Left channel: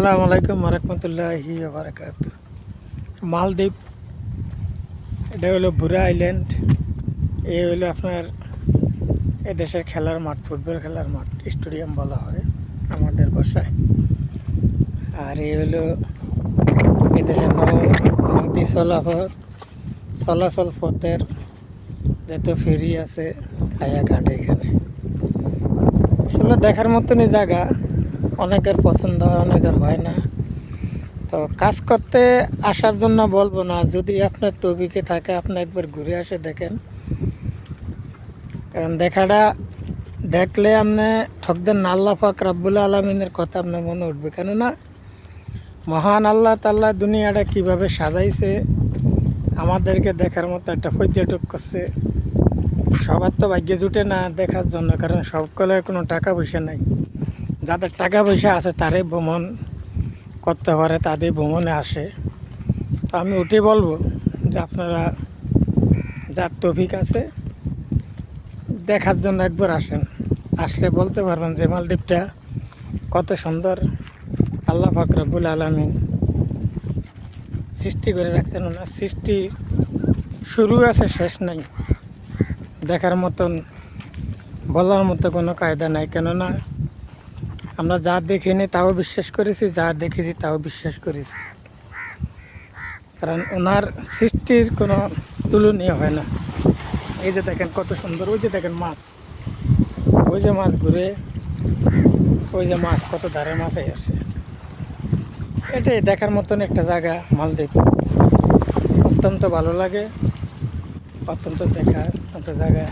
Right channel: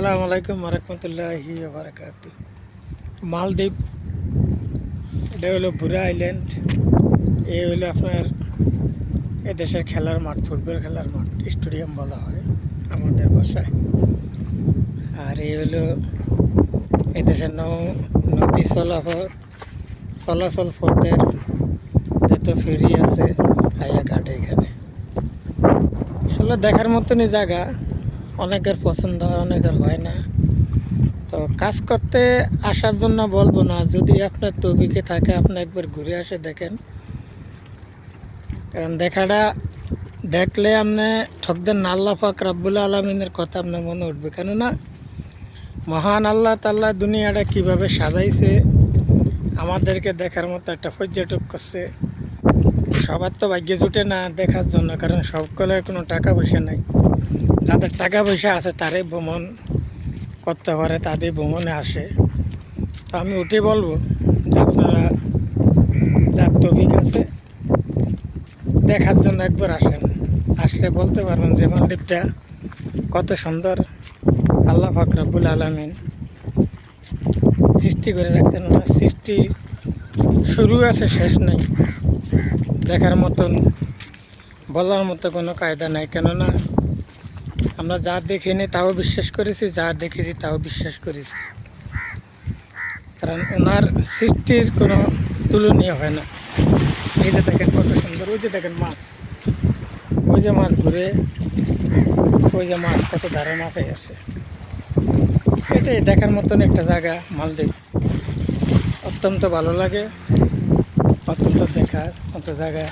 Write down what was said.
আসসালামু আলাইকুম ওয়া বারাকাতুহু। মালদ্বীপ, এটা হলো বুরা আইল্যান্ড। এই হলো আপনার এদেশের খেলার মাঠ, ফুটবল খেলার মাঠ, স্টেডিয়াম বলা হয় আমাদের ভাষায়। আর এই হলো এদেশের নদী চলাচল পথের যত ফেরি আছে হায়াঘাটে। এখানে আসলে দেখার মতনই জায়গা, অনেকের পছন্দ হয়, অনেকের হয় না। তো কাজ করতে আসার জন্য বলবো না, যদি আপনার তৌফিকে থাকে আপনি একবার ঘুরে আসে দেখেন, কারণ দেখাটা দেখলে আপনি ঠকদেন না। আল্লাহ পাক রব্বুল আলমিনের কথা আপনার মনে উঠবে, কেননা মহান আল্লাহ তাআলা দুনিয়াটা কিভাবে সাজাইছে আমাদেরকে দেখার মতো একটা পর্যটক করছে। সবার তো ভাগ্যে জুটে না দেখার জন্য, কারণ সকলের কোনো টাকা পয়সা নাই। যাদের টাকা পয়সা আছে তারাই ভ্রমণ করতে পারে, তাদের ভ্রমণে আসে। তো আমি ওটাই বলবো যে আপনারা যার তৌফিক আছে দেখার জন্য একবার আসেন। আসলে বলতে পারবেন যে মালদ্বীপটা কত সুন্দর আল্লাহ পাক রব্বুল আলামিন সৃষ্টি করে রাখছেন। ওনার সৃষ্টি শুরু আছে, শেষ নাই। দেখার মতন, বলার মতো কোনো কায়দা নাই। কেননা আমরা যা দেখিনি তাও বিশ্বাস করেছি, যা দেখেছি তাও বিশ্বাস করেছি, কারণ ওনার সৃষ্টির কোনো তুলনীয় হয় না। এই যে দেখেন কত সুন্দর, ওই যে দেখেন মাছ, ওই যে মাছ ঘুরে, ওই যে মাছ, কত ধারে মাছ আসে। এটাই দেখার মতন একটা জায়গা মালদ্বীপ। অত্যন্ত ভালো লাগে, অত্যন্ত দেখার মতো জায়গা।